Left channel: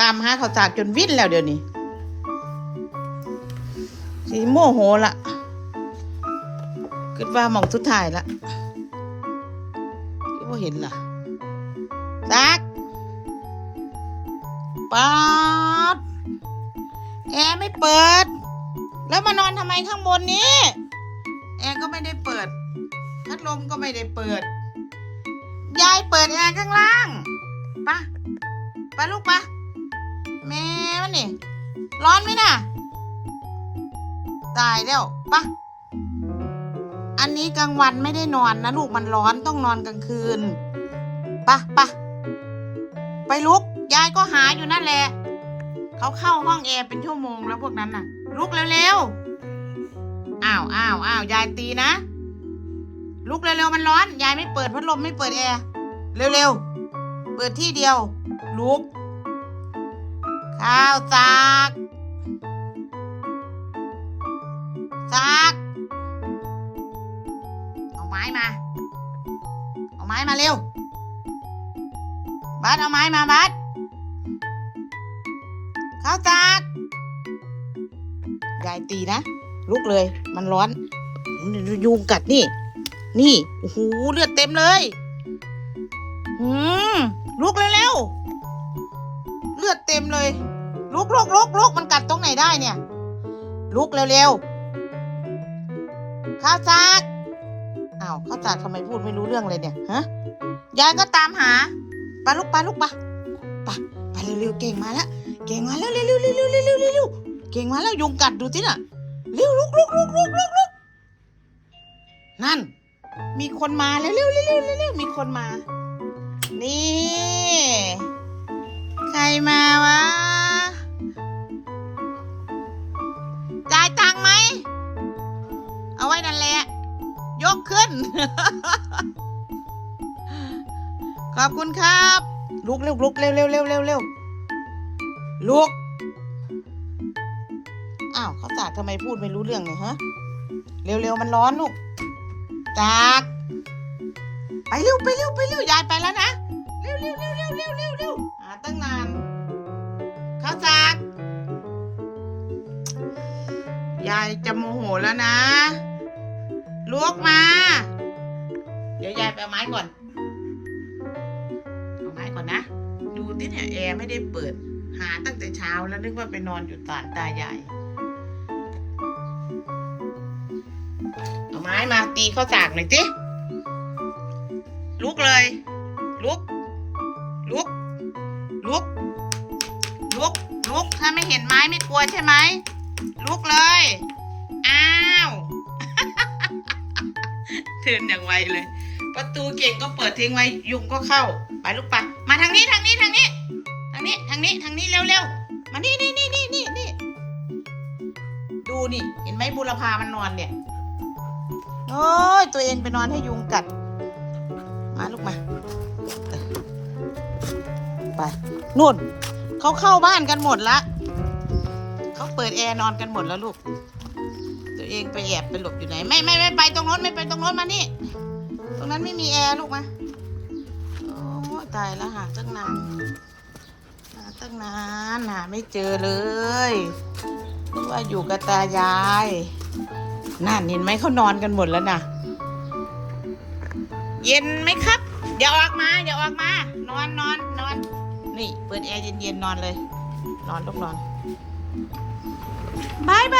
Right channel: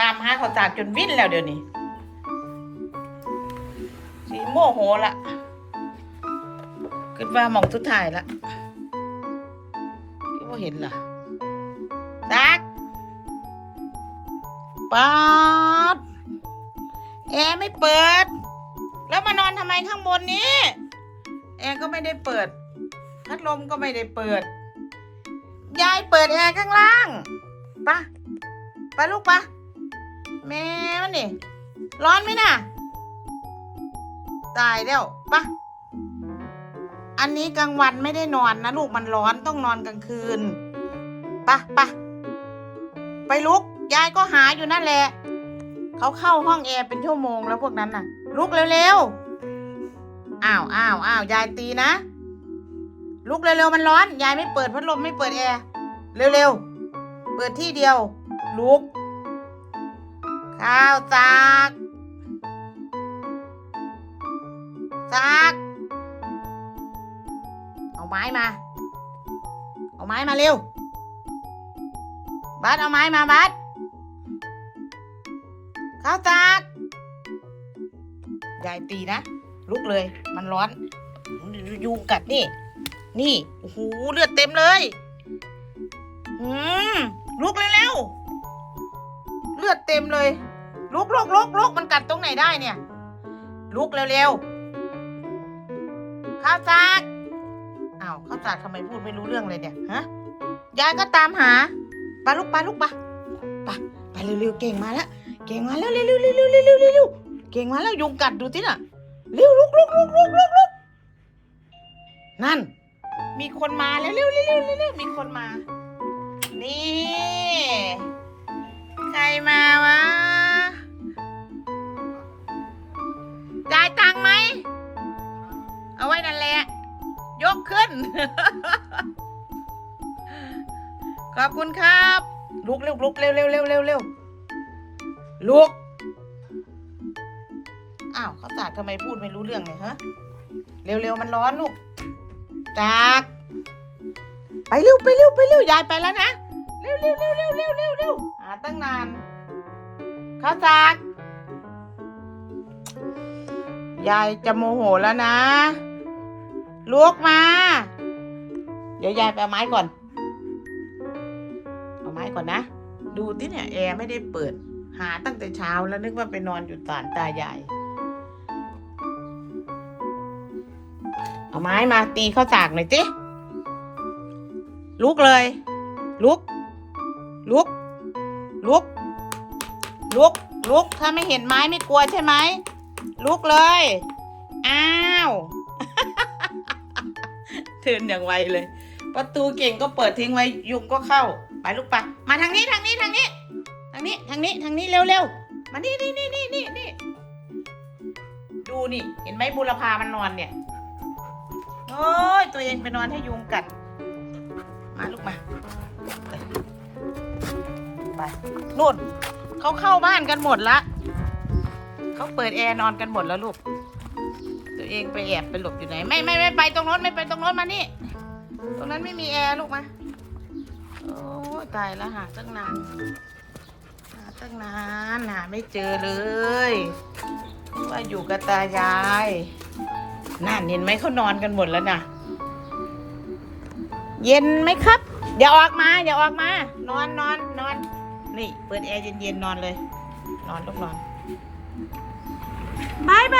ตามหาเขาวจากจนวิ่นแล้วเดี๋ยวนี้สีโมโหละคิดว่ามองสุดท้ายละคิดว่าเห็นล่ะซักป๊าดแอร์ไม่เปิด แล้วมานอนทำไมข้างบนนี้ แอร์ก็ไม่ได้เปิด พัดลมก็ไม่ได้เปิด ยายเปิดแอร์ข้างล่างปะไปลูกปะ แม่มันนี่ร้อนไหมน่ะ ตายแล้วปะอันนี้กลางวันไม่ได้นอนนะลูกมันร้อนต้องนอนกลางคืนปะปะไปลุก ยายก็หาอยู่นั่นแหละ เขาเข้าห้องแอร์เป็นชั่วโมงแล้วพวกนั้นน่ะ ลุกเร็วๆอ้าวอ้าวอ้าวยายตีนะ ลุกเร็วๆมันร้อน ยายไม่เปิดพัดลมไม่เปิดแอร์ เร็วๆ เปิดที่เดียว ลุก ข้าวสากสากเอาไม้มา เอาไม้มาเร็ว บัสเอาไม้มาบัสข้าวสากยายตีนะ ลุกเลย มันร้อนยุงกัดนี่ นี่ โอ้โห เลือดเต็มเลย ลุกลุกลุกลุกมันกัดตรงไหนได้เนี่ย ลุกเร็วๆข้าวสากอ้าวข้าวสากทำไมพูดไม่รู้เรื่องเลยเนี่ยฮะยายก็ตามหาไปลุกไปลุกไปไปไปเร็วๆเก่งมาแล้วเก่งมาแล้วเร็วๆเร็วๆเร็วๆเร็วๆเร็วเก่งมาแล้วยุงกัดดูสิน่ะเร็วลุกลุกลุกลุกลุกลุกนั่น มีคนมาแล้วเร็วเร็วเร็วเร็วเร็วมีคนมา นี่ ขึ้น ขอบคุณครับ ลุกเร็วลุกเร็วเร็วเร็วเร็วเร็วลุก อ้าวเขาสากทำไมพูดไม่รู้เรื่องเลยฮะ เร็วๆมันร้อนลูกจากไปเร็วไปเร็วไปเร็วยายไปแล้วนะ เร็วเร็วเร็วเร็วเร็วเร็วเร็วหาตั้งนานข้าวสากยายจะโมโหแล้วนะ ลุกมา เดี๋ยวยายไปเอาไม้ก่อน เอาไม้ก่อนนะ ดูที่เนี่ยแอร์ไม่ได้เปิด หาตั้งแต่เช้าแล้วนึกว่าไปนอนอยู่ศาลตายาย เอาไม้มาตีข้าวสากหน่อยสิลุกเลย ลุก ลุก ลุก ลุก ลุก ถ้าไม่เห็นไม้ไม่กลัวใช่ไหม ลุกเลย เทินอย่างไวเลย ประตูเก่งก็เปิดทิ้งไว้ยุงก็เข้า ไปลูกไปมาทางนี้ทางนี้ทางนี้ ทางนี้ทางนี้ทางนี้เร็วเร็วๆมานี่นี่นี่นี่นี่นี่ดูนี่ เห็นไหมบุรพามันนอนเนี่ยโอ้ยตัวเองไปนอนให้ยุงกัด มาลูกมาไปนู่นเขาเข้าบ้านกันหมดละเขาเปิดแอร์นอนกันหมดแล้วลูก ตัวเองไปแอบไปหลบอยู่ไหน ไม่ไม่ไม่ไปตรงโน้นไม่ไปตรงโน้นมานี่ ตรงนั้นไม่มีแอร์ลูกมาโอ้ตายแล้วหาตั้งนานหาตั้งนานหาไม่เจอเลยว่าอยู่กับตายายนั่นเห็นไหมเขานอนกันหมดแล้วนะเย็นไหมครับเดี๋ยวออกมาเดี๋ยวออกมา นอนนอนนอนนี่ เปิดแอร์เย็นๆนอนเลย นอนลูกนอนบายบาย